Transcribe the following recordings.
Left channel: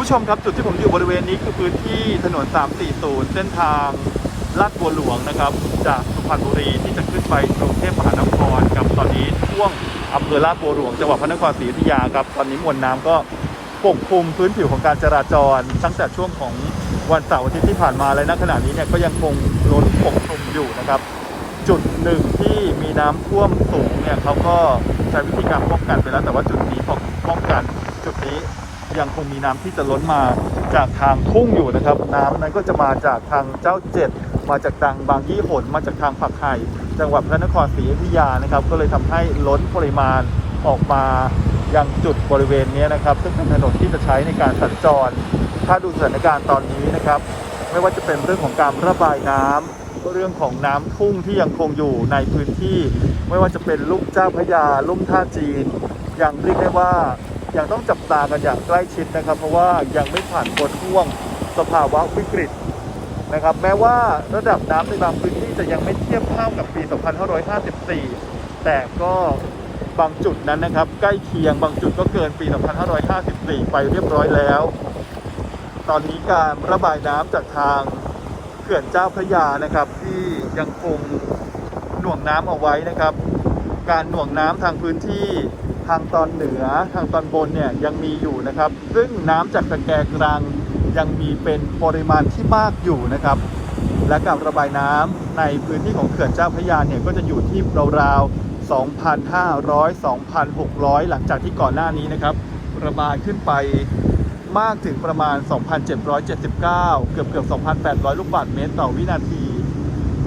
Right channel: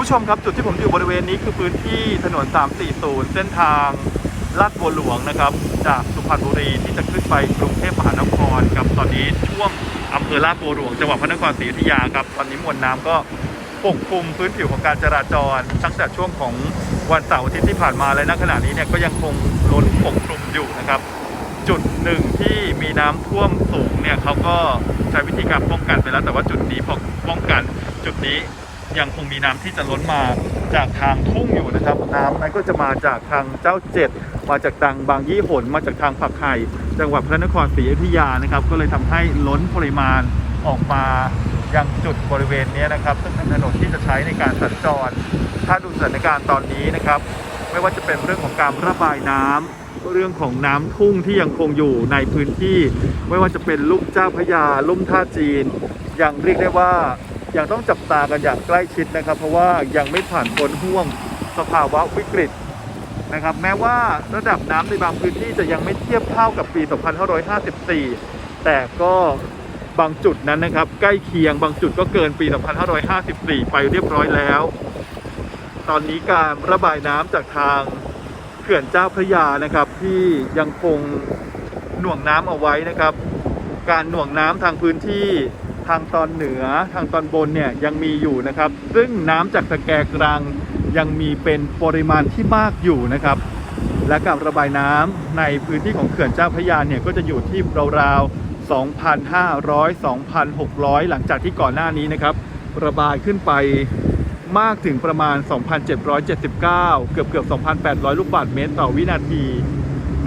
ผู้ชมครับจุดที่ผมอยู่บริเวณนี้คือพื้นที่ถนน 340 เส้นทางลาดบัวหลวงนะครับ จากสุพรรณบุรีที่จะขึ้นไปกรุงเทพมหานครครับตอนนี้ช่วงอำเภอลาดบัวหลวงจังหวัดพระนครศรีอยุธยาครับตอนนี้มวลน้ำก็ปกคลุมพื้นผิวของการจราจร ตั้งแต่ช่วงของวันเสาร์อาทิตย์ที่ผ่านมาและณขณะนี้เนี่ยก็ยังคงล้นปกคลุมอยู่นะครับ จุดหนึ่งที่มีน้ำท่วมสูงเนี่ยเขาก็ใช้วิธีการป้องกันไปแล้วแต่ว่าจุดนี้พอป้องกันจุดนี้ ยังคงมีน้ำที่จะล้นมาจากทางทุ่งอยู่นะครับ น้ำนั้นก็จะมาจากทางเจ้าเจ็ดมาจากทางบางยี่หนมาจากทางผักไห่จังหวัดพระนครศรีอยุธยานะครับ ก็เลยทำให้ล้นปริมาณออกมายังจุดบริเวณนี้นะครับ ซึ่งเป็นถนนที่จะใช้ในการสัญจร ถ้าดูสถานการณ์ตอนนี้นะครับ ไม่ว่าจะเป็นเรื่องของการระบายน้ำเรื่องของน้ำทุ่งที่ยังคงอยู่ในพื้นที่ ไม่ว่าจะเป็นลุ่มเจ้าพระยาลุ่มท่าจีนยังเรียกได้ว่า ยังต้องจับตากันอย่างใกล้ชิดนะครับ เพราะว่ายังไม่ผ่านพ้นห่วงสภาวะวิกฤตนะครับ แม้ว่าระดับน้ำในบางพื้นที่จะยังไม่เทียบเท่ากับปี 2554 แต่ก็บางจุดนั้นนะครับ ใกล้เคียงบางจุดก็เกินปี 2554 ไปเรียบร้อยแล้ว ตอนนี้การระบายน้ำจากทางเขื่อนเจ้าพระยานะครับ ที่ยังคงหน่วงน้ำเอาไว้นะครับ การหน่วงน้ำทางพื้นที่ ทางตอนเหนือทางตอนบนเนี่ยยังมีอยู่นะครับ ซึ่งน้ำจากตะแกรงกลางยังมีเป็นปริมาณที่มากอยู่นะครับ และการระบายน้ำในพื้นที่ของเขื่อนเจ้าพระยาเนี่ยก็จะอยู่ที่ราวๆ2,500 2,600 หลังจากที่ก่อนหน้านี้นะครับ ระบายขึ้นไปมากถึงประมาณ 2,779 เกือบเกือบ 2,800 ลูกบาศก์เมตรต่อวินาที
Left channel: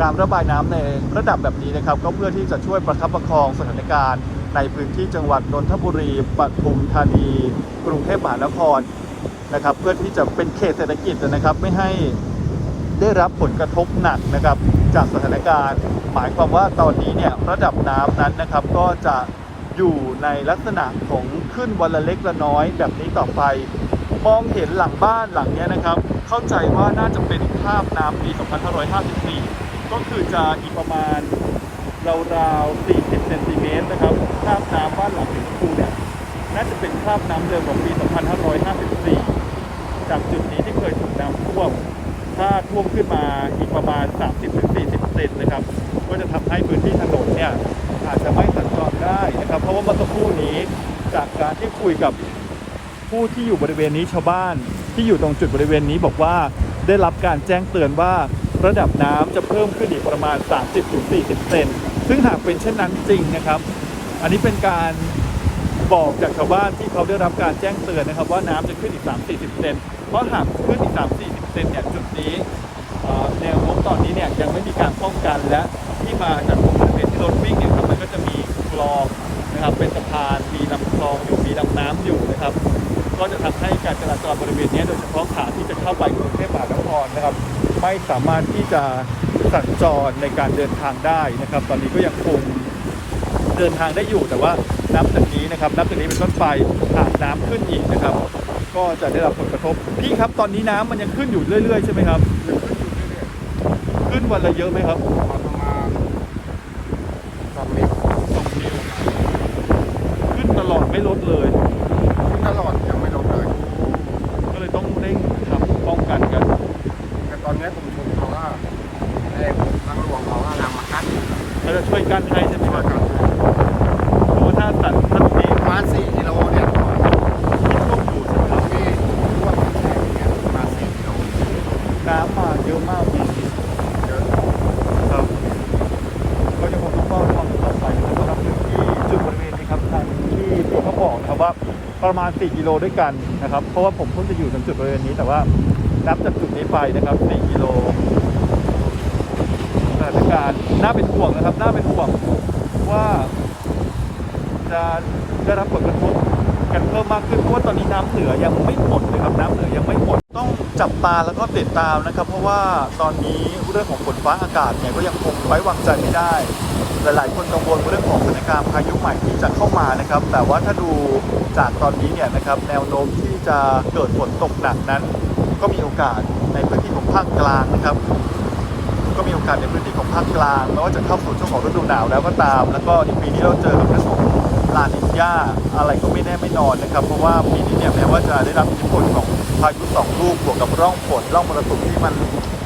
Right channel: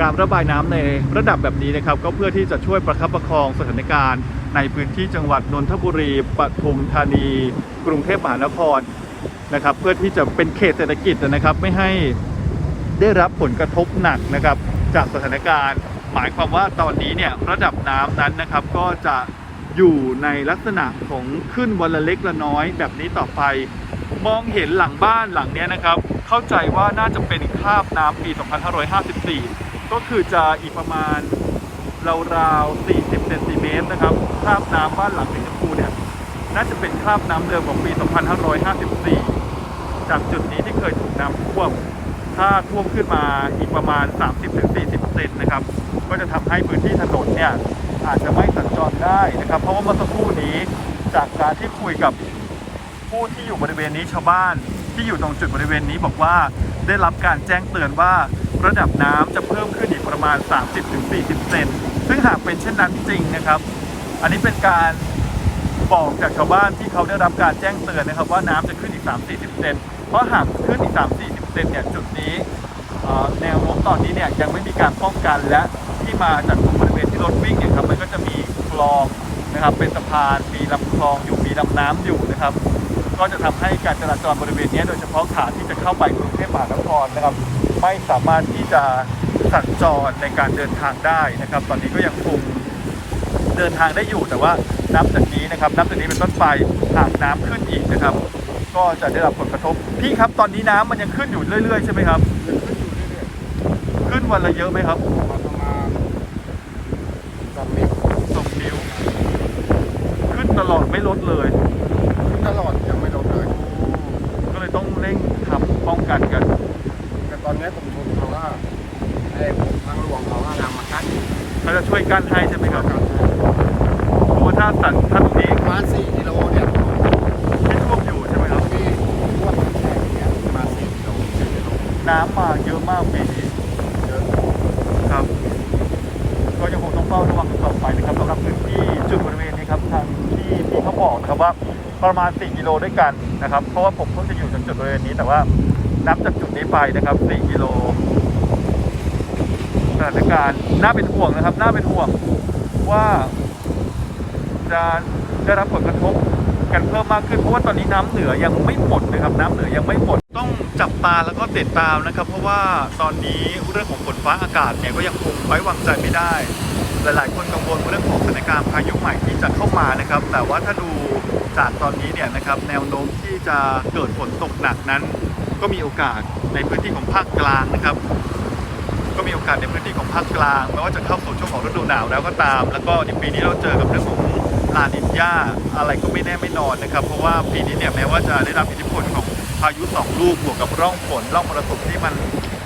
การระบายน้ำในระดับแบบนี้นะครับ ก็เพื่อที่จะช่วยประคับประคองสถานการณ์ ในพื้นที่จังหวัดนนทบุรีปทุมธานี กรุงเทพมหานครนะครับ เพื่อที่จะเป็นเขตเศรษฐกิจนะครับไม่ให้ได้รับผลกระทบหนักนะครับ จากสถานการณ์ หมายความว่าตอนนี้เนี่ยระดับน้ำนั้นนะครับก็จะอยู่ในลักษณะของขึ้นวันละเล็กละน้อย แบบนี้ต่อไป มองเห็นหลังบ้านหลังเนี้ยนะครับ เข้าใจว่าน่าจะเป็นคาบน้ำปี 2554 ก็คือจะอีกประมาณราวๆ4 นติเมตรนะครับคราบน้ำบ้านหลังสีชมพูเนี่ยน่าจะเป็นคราบน้ำเดิมของปี 2554 จากจุดนี้ที่เคยถูกน้ำท่วม ถ้าท่วมขึ้นมาอีกประมาณ 30-40เซนนะครับ ก็จะทำให้พื้นที่ถนนเนี่ยอาจจะไม่สัญจรได้นะครับ เพราะว่าเมื่อสักครู่นี้จากการที่คุยกับผู้ที่อยู่บริเวณนี้ชาวบ้าน ที่อยู่ตรงจุดบริเวณนี้บอกว่าได้รับการแจ้งเตือนว่าระดับน้ำจะเพิ่มขึ้นอีกประมาณ 30-40 เซน ซึ่งหากเป็นเช่นนั้นจริงนะครับ อันนี้เป็นการบอกจากชาวบ้านที่เขาได้รับการแจ้งเตือนนะครับ ว่าน้ำจะขึ้นอีก 3-40เซนเพราะหากขึ้นอีก 3-40เซนเนี่ยจุดนี้แนวโน้มตอนนี้เนี่ยยังไม่มีการป้องกันและที่มาจากบริเวณที่รถวิ่งเนี่ยครับมันก็จะมีคลองนะครับเป็นสะพานมีลำคลองอยู่มีลำน้ำอยู่นะครับ ก็จะทำให้การจราจรบริเวณนี้โดยเฉพาะขาที่จะเข้าไปกรุงเทพมหานครนะครับ ไม่สามารถที่จะสัญจรในการเดินทางได้นะครับ ตอนนี้ก็ยังคงเดินทางได้อยู่แต่ว่านับจากนี้นะครับ นับจากนี้เป็นต้นไปหากน้ำขึ้นอีกนะครับ ก็จะได้รับผลกระทบพี่ครับตอนนี้น้ำมันยังขึ้นอยู่เรื่อยๆใช่ไหมครับขึ้นอยู่เรื่อยขึ้นวันละเยอะไหมครับๆประมาณสองเมตรสองนิ้วขึ้นตลอดไม่ลดเลย ขึ้นตลอดยังไม่ลดเลย ก็เลยต้องเร่งทำป้องกันกัน แต่ตอนนี้ผมชนเขาว่าไอ้ทางหลวงเขาว่านำมากั้น เขาจะช่วยกั้นให้ใช่ไหมครับ กั้นให้ โอ้ถ้าตัดท่านนี้ ประมาณสี่กิโลเนี่ย ที่ท่วมอยู่ใช่ไหมครับ ที่ท่วมแช่อย่างเงี้ยประมาณสี่กิโล น้ำมาเยอะมากปีนี้ เยอะ ครับก็ยังคงต้องเฝ้าระวังต่อไปนะครับสำหรับพื้นที่จุดบริเวณนี้ครับทางที่พี่เขาบอกนะครับว่าประมาณ 4 กิโลด้วยกันนะครับ เพราะว่าผมเพิ่งจะอยู่ถึงจุดบริเวณนี้ แต่ว่านับจากจุดนี้ไปนะครับ 4 กิโลสถานการณ์น่าเป็นห่วงนะครับ น่าเป็นห่วงว่าจะได้รับผลกระทบกันเพิ่มมากขึ้น เพราะว่าตอนนี้น้ำเหนือยังไม่หมดนะครับ น้ำเหนือยังไม่หมด ต้องจับตาแล้วก็ติดตามนะครับ เพราะว่าตอนนี้เรื่องของฝนฟ้าอากาศเนี่ยก็ยังคงไว้วางใจไม่ได้ หลายๆ คนกังวลเรื่องของสถานการณ์พายุใหม่ที่จะเข้ามานะครับ แต่ว่าถ้าดูจากตอนนี้เนี่ยนะครับแนวโน้มที่จะเกิดฝนตกหนักนั้น ก็มีโอกาสในพื้นที่ของภาคกลางนะครับ ก็มีโอกาสในพื้นที่ของภาคกลางไม่ว่าจะเข้าสู่ช่วงของฤดูหนาวแล้วก็ตาม แล้วก็ในปีนี้เราเจอกับเรื่องของลานิญญาอะไรก็ไม่แน่ไม่นอนนะครับ เพราะว่าปีนี้เนี่ยแม้ว่าจะได้รับอิทธิพลของพายุสองลูกบวกกับร่องฝนร่องมรสุมที่มัน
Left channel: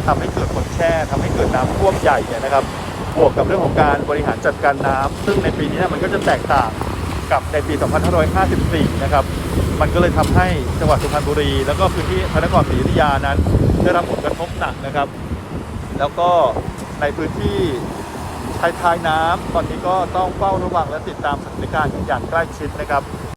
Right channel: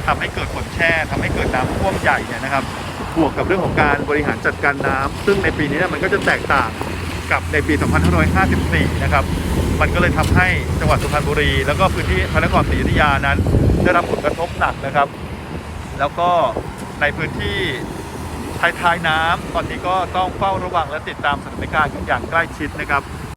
ทำให้เกิดฝนแช่ทำให้เกิดน้ำท่วมใหญ่เนี่ยนะครับ บวกกับเรื่องของการบริหารจัดการน้ำซึ่งในปีนี้มันก็จะแตกต่างกับในปี 2554 นะครับ มันก็เลยทำให้จังหวัดสุพรรณบุรี แล้วก็พื้นที่พระนครศรีอยุธยานั้น ได้รับผลกระทบหนักนะครับ แล้วก็ในพื้นที่ท้ายๆน้ำตอนนี้ก็ต้องเฝ้าระวังและติดตามสถานการณ์กันอย่างใกล้ชิดนะครับ